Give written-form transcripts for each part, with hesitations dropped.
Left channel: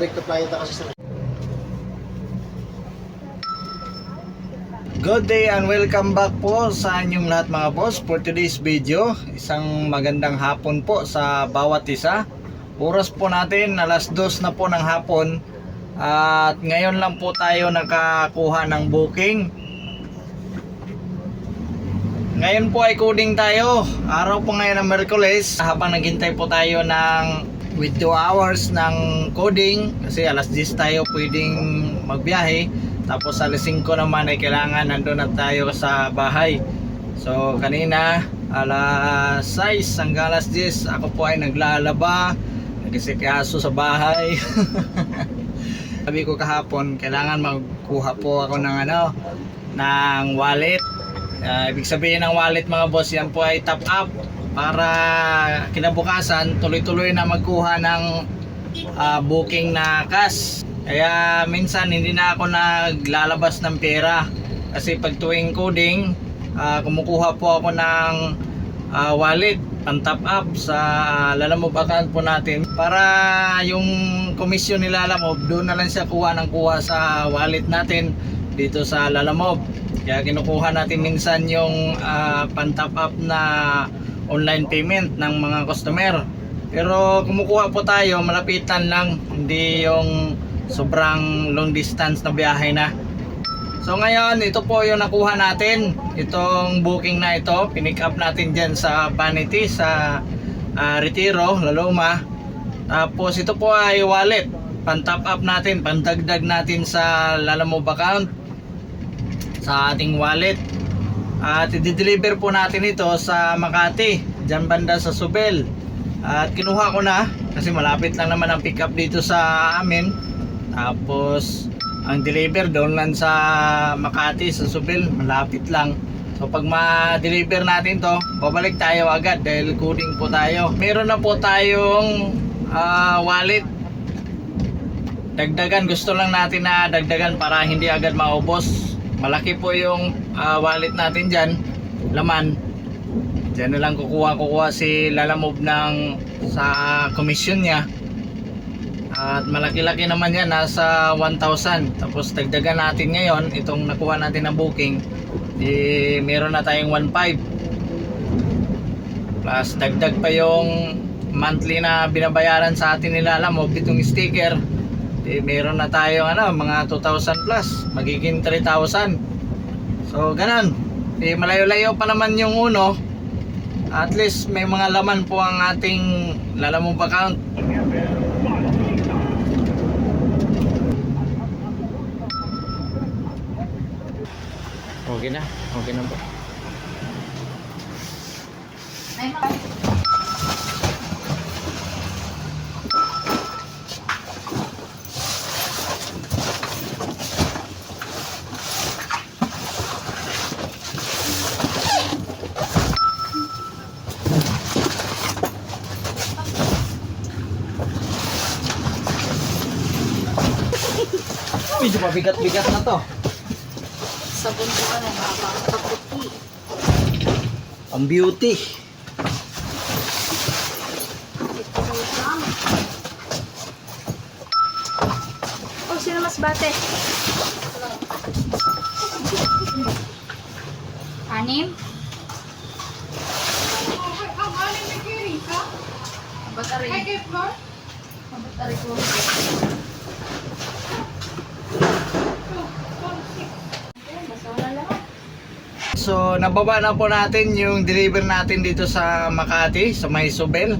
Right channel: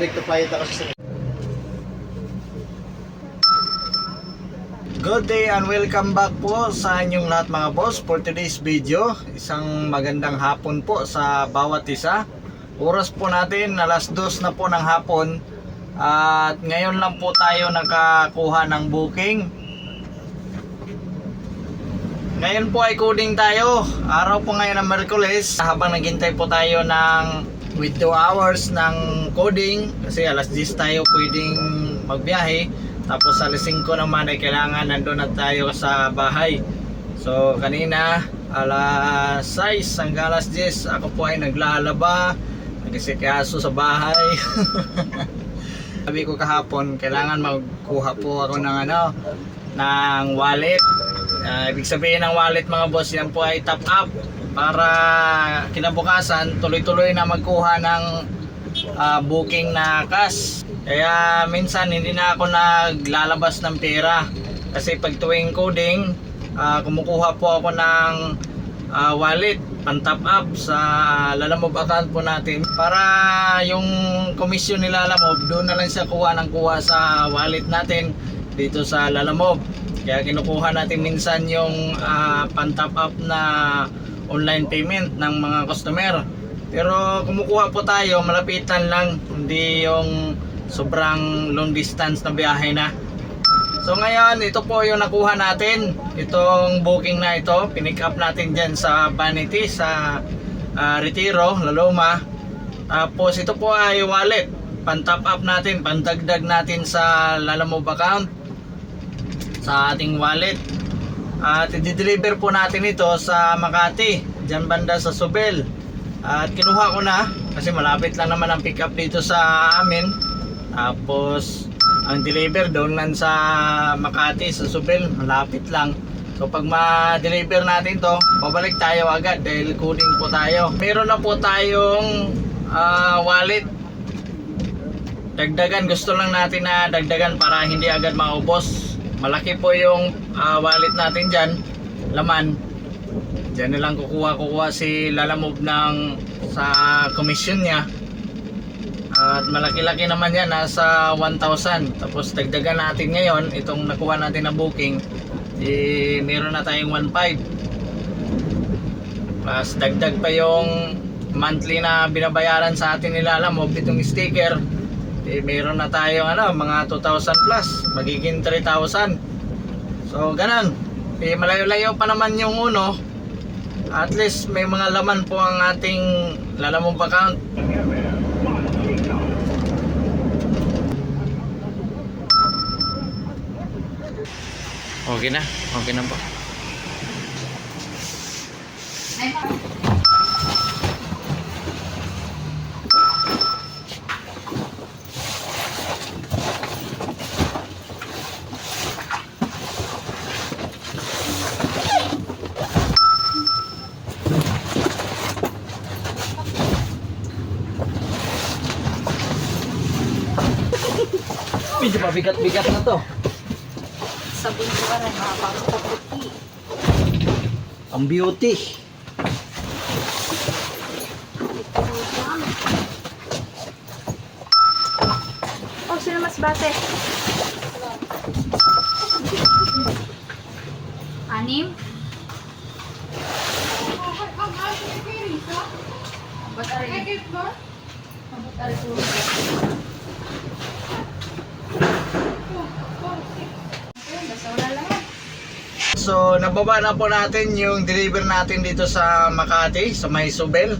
direct to client ako sa... Good day and welcome back po sa inyong lahat mga boss for today's video. Isang magandang hapon po sa bawat isa. Oras po natin alas 2 na po ng hapon. At ngayon lang po tayo nakakuha ng booking. Ngayon po ay coding tayo. Araw po ngayon ng Merkules. Habang naghintay po tayo ng with 2 hours ng coding. Kasi alas 10 tayo pwedeng magbiyahe. Tapos alas 5 naman ay kailangan nandun na tayo sa bahay. So kanina alas 6 hanggang alas 10 ako po ay naglalaba, nagsisikyaso sa bahay. Sabi ko kahapon kailangan magkuha po ako ng ng wallet. Ibig sabihin ng wallet mga boss, yan po ay top up para kinabukasan tuloy-tuloy na magkuha ng booking na cash. Kaya minsan hindi na ako naglalabas ng pera kasi pag tuwing coding kumukuha po ako ng wallet pan top up sa Lalamove account po natin para yung komisyon ni Lalamove doon na lang siya kuha sa wallet natin dito sa Lalamove. Kaya kinukuha natin minsan yung pan top up na online payment ng mga customer, pero kumukuha po tayo malapitan lang, hindi yung sobrang long distance na biyahe na. So ngayon ito po yung nakuha natin, itong booking na ito, pinick up natin dyan sa Vanity sa Retiro, Laloma. Tapos ito po ay wallet, pan top up natin, pandagdag natin sa Lalamove account sa ating wallet. At i-deliver po natin ito sa Makati, dyan banda sa Subel. At kinuha ko na kasi malapit lang naman ang pick up dito sa amin. Tapos ang deliver doon lang sa Makati sa Subel, malapit lang. So pag ma-deliver natin to, babalik tayo agad dahil coding po tayo. Meron na po tayong wallet. Dagdagan, gusto lang natin na dagdagan para hindi agad maubos. Malaki po yung wallet natin dyan, laman. Diyan na lang kukuha si Lalamove sa commission niya. At malaki-laki naman yan, nasa 1,000. Tapos dagdagan natin ngayon, itong nakuha natin na booking, meron na tayong 1,500. Plus dagdag pa yung monthly na binabayaran sa atin ni Lalamove, itong sticker. Meron na tayong mga 2,000 plus, magiging 3,000. So ganun, malayo-layo pa naman yung uno. At least may mga laman po ang ating Lalamove account. Okay na po. Medyo mabigat-bigat na to. Sabon ko pa rin, makapagpaputi. Ang beauty. Oh, sino mas bate? 6? Batari ko. So nababa na po natin yung deliver natin dito sa Makati, sa may Subel.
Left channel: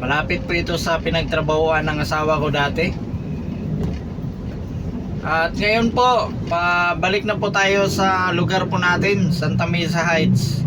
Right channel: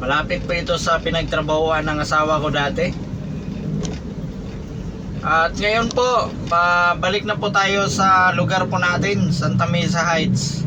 Malapit po ito sa pinagtrabahuan ng asawa ko dati. At ngayon po, pabalik na po tayo sa lugar po natin, Santa Mesa Heights.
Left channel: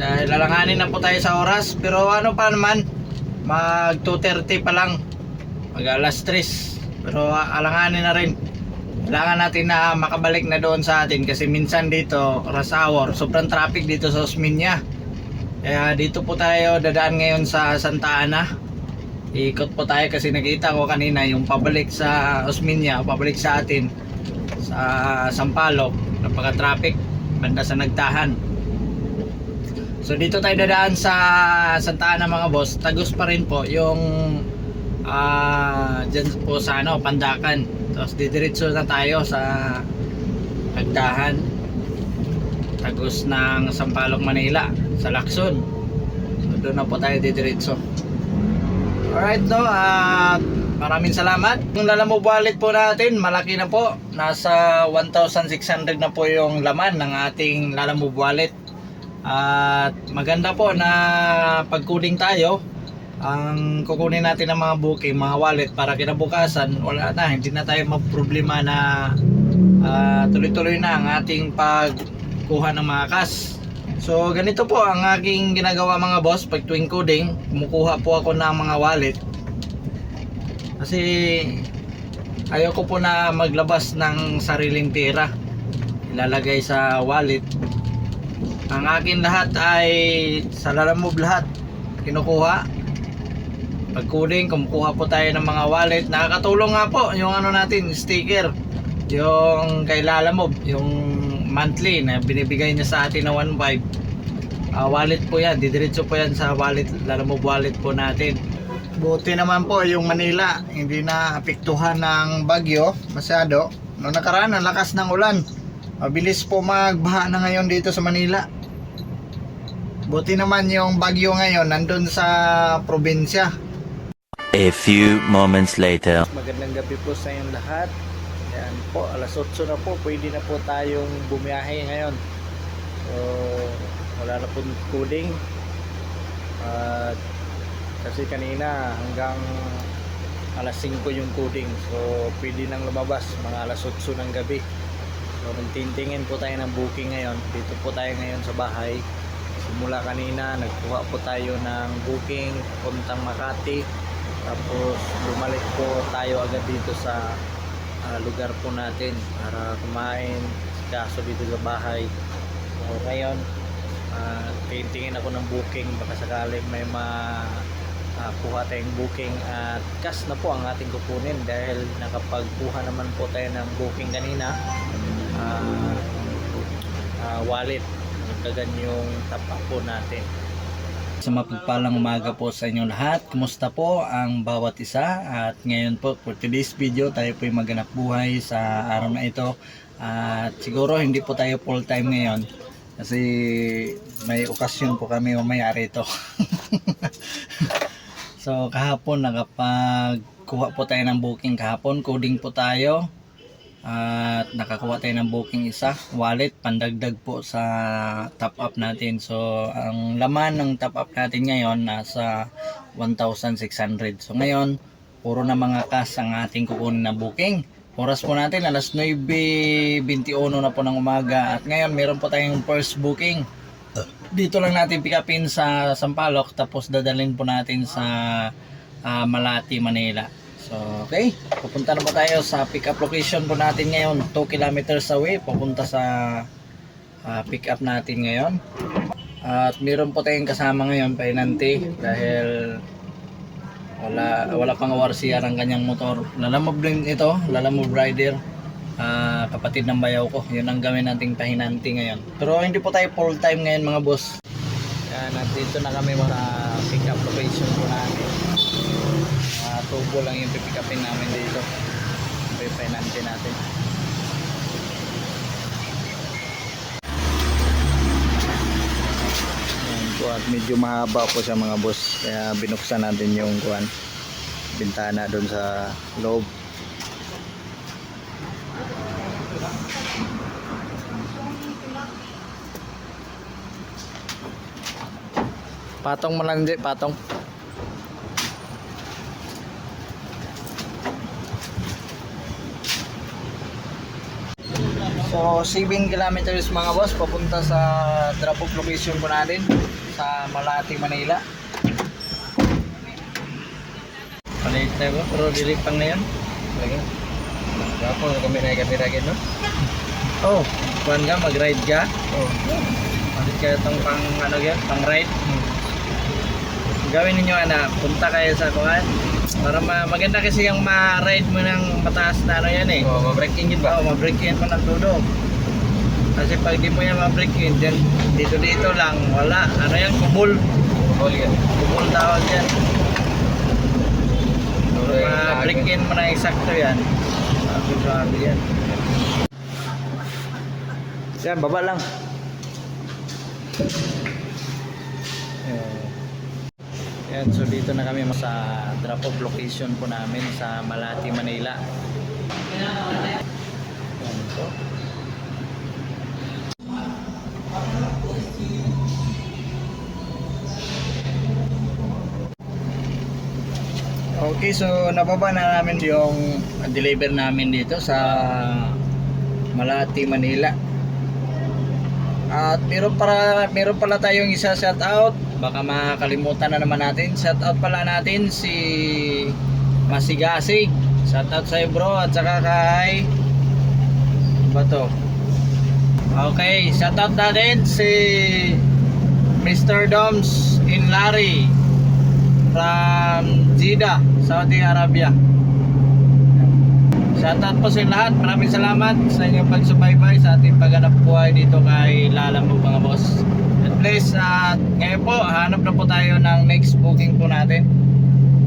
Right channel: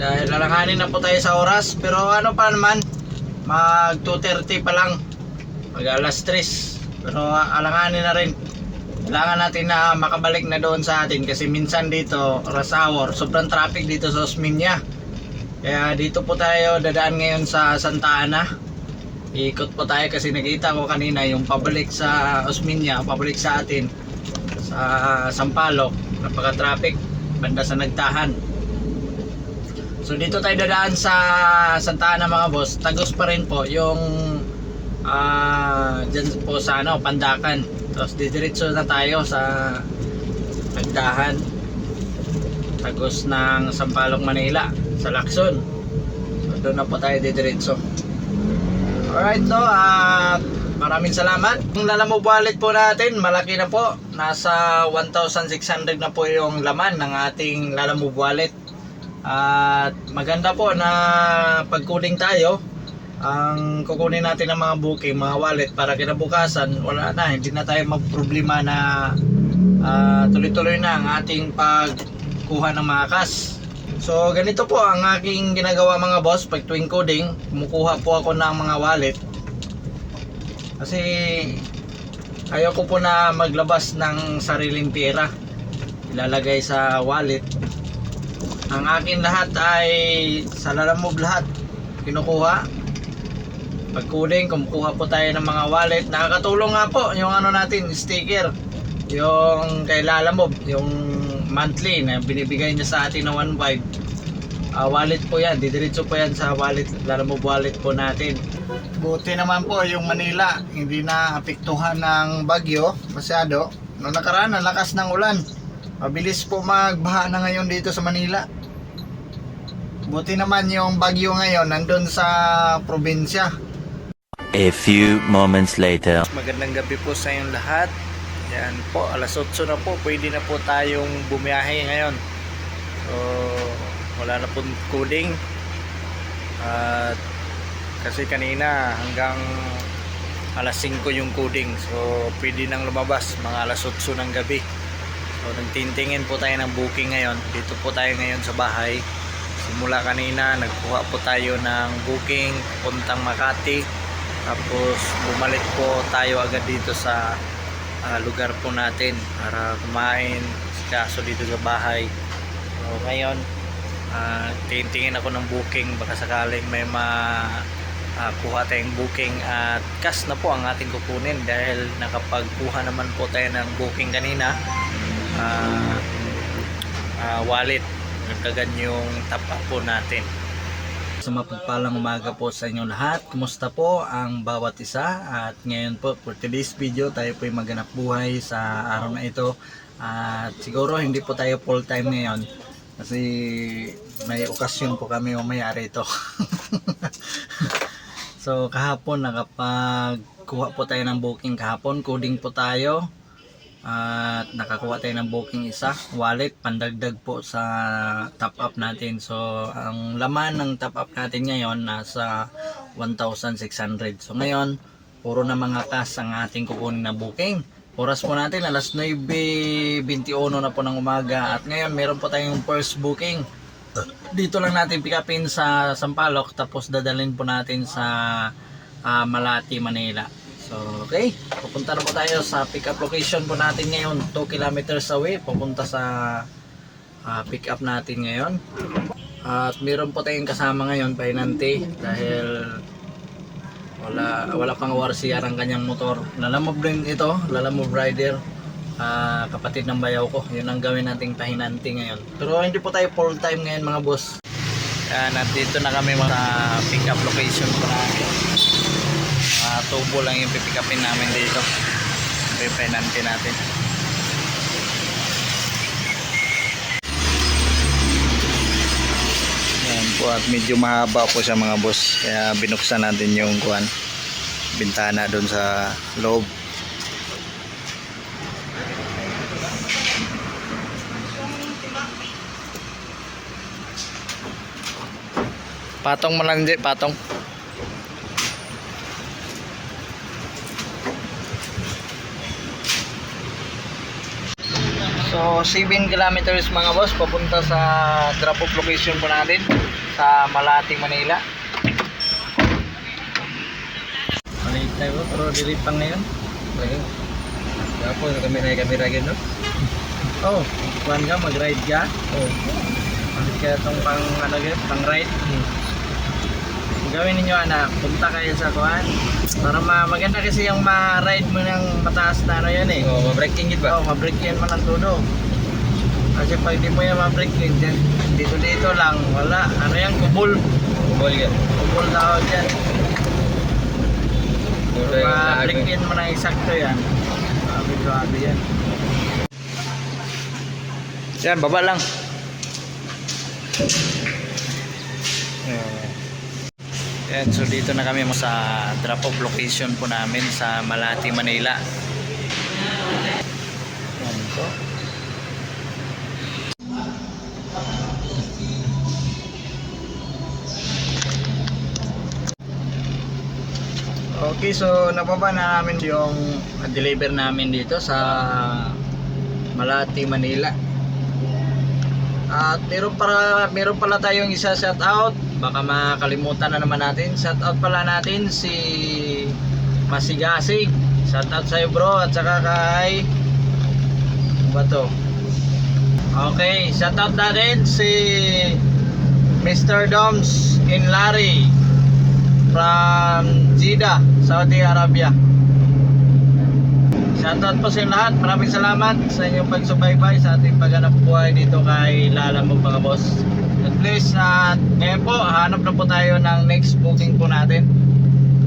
Dahil lalanganin na po tayo sa oras, pero ano pa naman, mag 2:30 pa lang, mag alas 3. Pero alanganin na rin. Kailangan natin na makabalik na doon sa atin kasi minsan dito rush hour, sobrang traffic dito sa Osmeña. Kaya dito po tayo dadaan ngayon sa Santa Ana. Ikot po tayo kasi nakita ko kanina yung pabalik sa Osmeña, pabalik sa atin sa Sampaloc, napaka-traffic banda sa Nagtahan. So dito tayo dadaan sa Santa Ana mga boss. Tagos pa rin po yung dyan po sa ano, Pandakan. Tapos didiretso na tayo sa Agdahan, tagos ng Sampaloc, Manila, sa Lacson. So doon na po tayo didiretso. Alright, no, maraming salamat. Yung Lalamove wallet po natin, malaki na po. Nasa 1,600 na po yung laman ng ating Lalamove wallet. At maganda po na pag-coding tayo, ang kukunin natin ng mga booking, mga wallet, para kinabukasan wala na, hindi na tayo magproblema na tuloy-tuloy na ang ating pagkuha ng mga cash. So ganito po ang aking ginagawa mga boss. Pag tuwing coding, kumukuha po ako ng mga wallet kasi ayoko po na maglabas ng sariling pera ilalagay sa wallet. Ang akin lahat ay sa Lalamove, lahat kinukuha. Pag coding, kumukuha po tayo ng mga wallet. Nakakatulong nga po yung ano natin, sticker, yung kay Lalamove, yung monthly na binibigay niya sa atin na 1.5. Wallet po yan, didiretso po yan sa wallet, Lalamove wallet po natin. Buti naman po yung Manila, hindi na apektuhan ng bagyo masyado. Noong nakaraan, ang lakas ng ulan, mabilis po magbaha na ngayon dito sa Manila. Buti naman yung bagyo ngayon nandun sa probinsya. A few moments later. Magandang gabi po sa inyong lahat. Yan po, alas 8 na po, pwede na po tayong bumiyahe ngayon. So wala na po coding. At kasi kanina hanggang alas 5 yung coding. So pwede nang lumabas mga alas 8 ng gabi. So nagtintingin po tayo ng booking ngayon. Dito po tayo ngayon sa bahay. Simula kanina nagkuha po tayo ng booking puntang Makati. Tapos bumalik po tayo agad dito sa lugar po natin para kumain, kaso dito sa bahay. So ngayon tingin ako ng booking, baka sakaling may kuha tayong booking at cash na po ang ating kukunin dahil nakapagkuha naman po tayo ng booking kanina. Wallet, nagkagan yung top up po natin. Sa mapagpalang umaga po sa inyo lahat. Kumusta po ang bawat isa? At ngayon po for today's video, tayo po ay maganap buhay sa araw na ito. At siguro hindi po tayo full time ngayon kasi may okasyon po kami mamaya rito. So kahapon nakapagkuha po tayo ng booking kahapon. Coding po tayo. At nakakuha tayo ng booking isa, wallet, pandagdag po sa top up natin. So ang laman ng top up natin ngayon nasa 1,600. So ngayon puro na mga cash ang ating kukunin na booking. Oras po natin alas 9:21 na po ng umaga. At ngayon meron po tayong first booking. Dito lang natin pick upin sa Sampaloc, tapos dadalhin po natin sa Malati, Manila. So, okay, pupunta na po tayo sa pick up location po natin ngayon. 2 kilometers away, papunta sa pick up natin ngayon. At meron po tayong kasama ngayon, pahinanti, dahil wala pang warsiya ang kanyang motor. Lalamove din ito, Lalamove rider, kapatid ng bayaw ko. Yun ang gawin nating pahinanti ngayon. Pero hindi po tayo full time ngayon mga boss. Yan, at dito na kami sa pick up location po natin. Tubo lang yung pipick upin namin dito. Pipenante natin. Yan po, at medyo mahaba po siya mga boss, kaya binuksan natin yung bintana doon sa loob. Patong mo lang, patong. So 7 kilometers mga boss, papunta sa drop off location po natin sa Malati, Manila. Palit na ko, pero dilipang na yan. Lagi. Ako kamera gano. Oh, kuan ka, mag-ride ka. Oh. Bakit kaya itong pang ride? Gawin ninyo anak, punta kayo sa kuan. Para maganda kasi yung ma-ride mo ng mataas na ano yan eh. Oo, ma-braking yun ba? Oo, ma-braking mo ng todo. Kasi pag di mo yan ma-braking, dito lang, wala. Ano yan, kubol. Kubol yan. Kubol tawag yan. Siguro yung Ma-break in mo na eksakto yan. Grabe yan. Yan, baba lang. Yan, so dito na kami sa drop off location po namin sa Malati, Manila. Yan po. Okay, so nababa na namin yung deliver namin dito sa Malati, Manila. At meron pala tayong isa shout out. Baka makalimutan na naman natin. Shout out pala natin si Masigasig. Shout out sa iyo bro at saka kay ba to? Okay, shout out natin si Mr. Doms in Larry from Jeddah, Saudi Arabia. Shoutout po sa inyo lahat. Maraming salamat sa inyong pagsubaybay sa ating paghanap buhay dito kay Lalamove mga boss. And please, ngayon po, hanap na po tayo ng next booking po natin.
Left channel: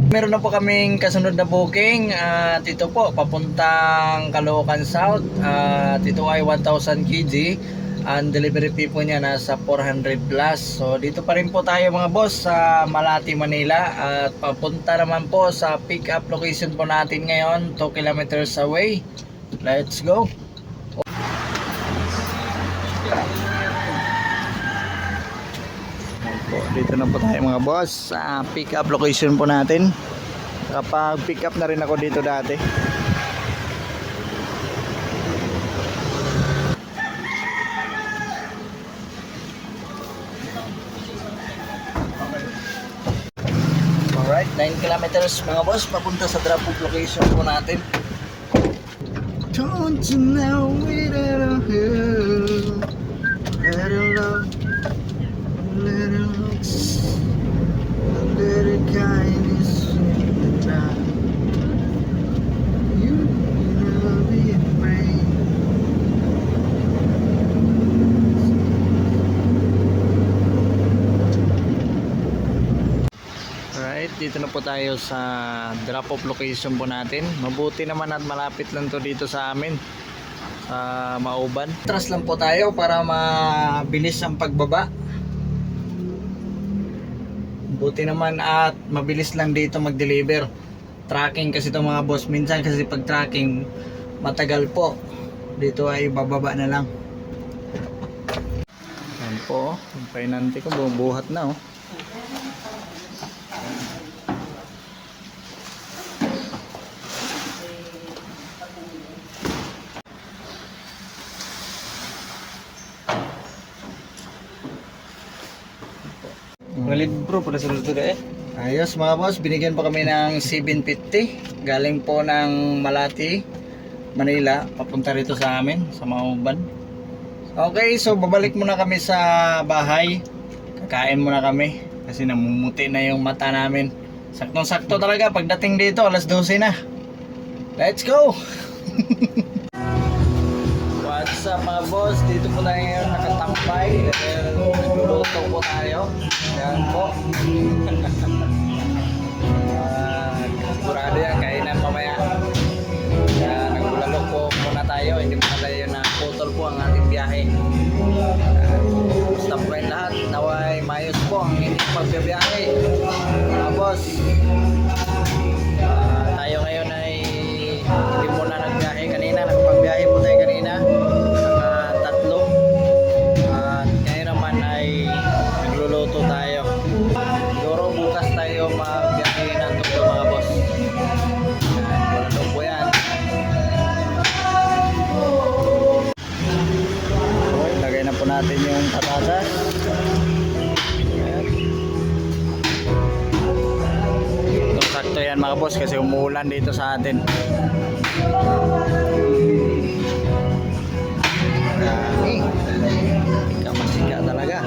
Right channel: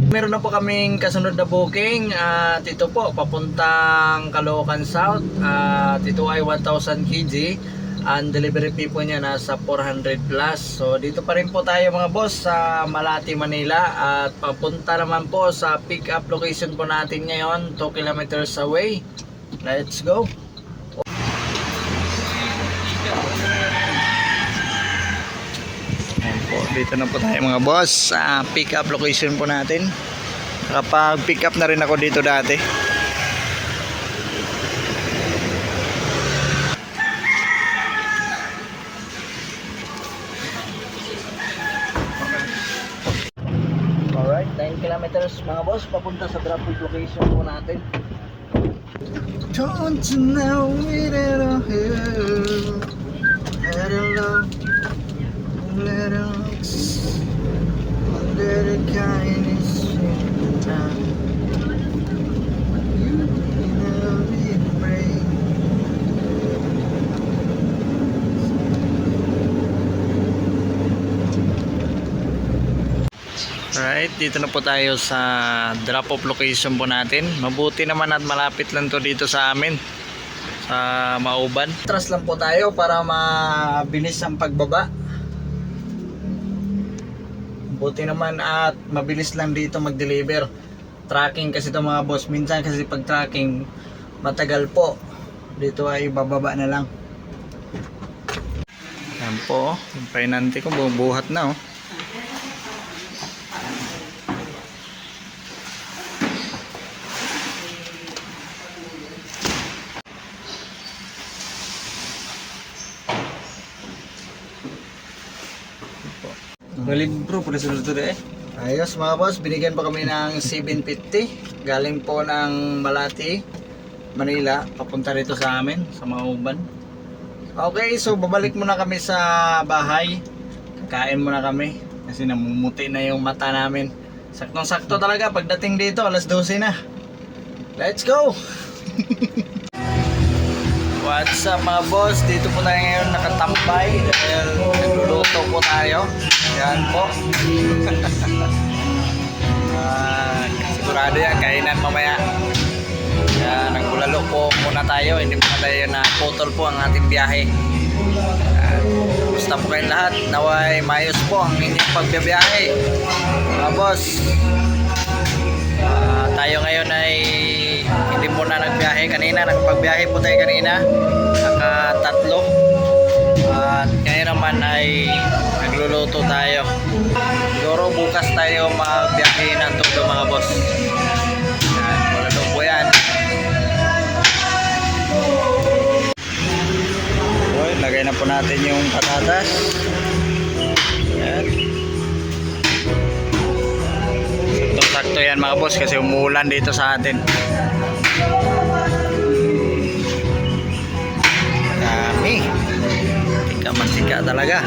Meron na po kaming kasunod na booking at ito po, papuntang Caloocan South. At ito ay 1,000 kg. Ang delivery fee po niya nasa 400 plus. So dito pa rin po tayo mga boss sa Malati, Manila. At papunta naman po sa pick up location po natin ngayon, 2 kilometers away. Let's go. Ayan po, dito na po tayo mga boss sa pick up location po natin. Kapag pick up na rin ako dito dati. Alright, 9 kilometers mga boss, papunta sa drop off location po natin. Don't you know it at all, love, little looks, under the kindness of time. You know it rain. Alright, dito na po tayo sa drop off location po natin. Mabuti naman at malapit lang to dito sa amin sa Mauban. Atras lang po tayo para mabilis ang pagbaba. Buti naman at mabilis lang dito mag-deliver. Tracking kasi ito mga boss. Minsan kasi pag tracking matagal po. Dito ay bababa na lang. Yan po, yung painante ko bubuhat na oh. Valid bro, pada sunod to eh. Ayos mga boss, binigyan pa kami ng 750 galing po ng Malati, Manila, papunta rito sa amin, sa Mauban. Okay, so babalik muna kami sa bahay. Kakain muna kami kasi namumuti na yung mata namin. Saktong sakto talaga pagdating dito, alas 12 na. Let's go! What's up mga boss? Dito po tayo ngayon nakatampay dahil nagluluto po tayo. Yan po. Sigurado yan, kainan mamaya. Kaya nagbulalo po muna tayo. Hindi muna tayo na putol po ang ating biyahe. Gusto po kayong lahat. Naway mayos po ang inyong pagbibiyahe. Mga boss, tayo ngayon ay hindi muna nagbiyahe kanina. Nakapagbiyahe po tayo kanina. Naka-3. At ngayon naman ay nagluluto tayo. Siguro bukas tayo magbiyahe ng todo mga boss. Yan, wala daw po yan. Okay, lagay na po natin yung patatas. Yan. Sakto yan mga boss kasi umuulan dito sa atin. Dami. Tika-mansika talaga.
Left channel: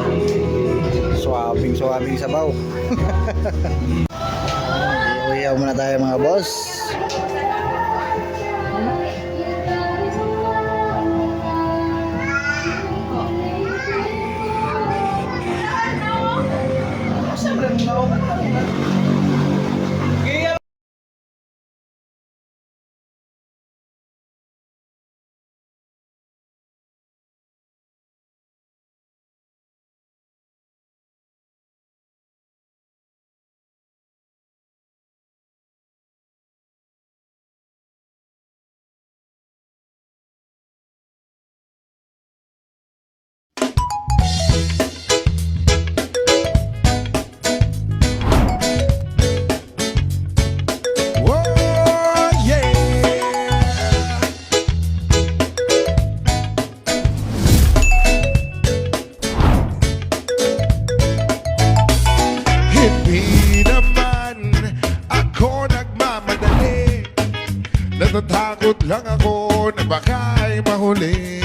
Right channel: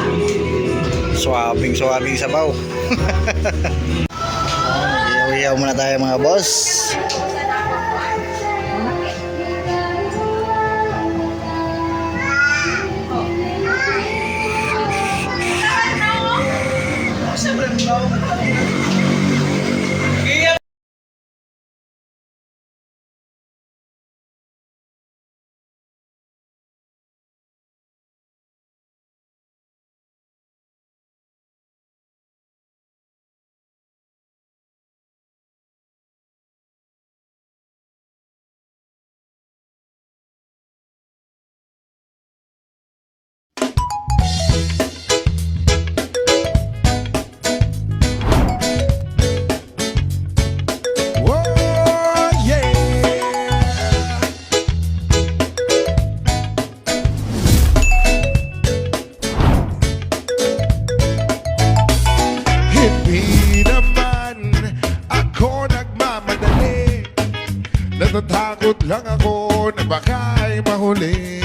Swabing sabaw. Iyaw-iyaw muna tayo mga boss. Natatakot lang ako na baka ay mahuli.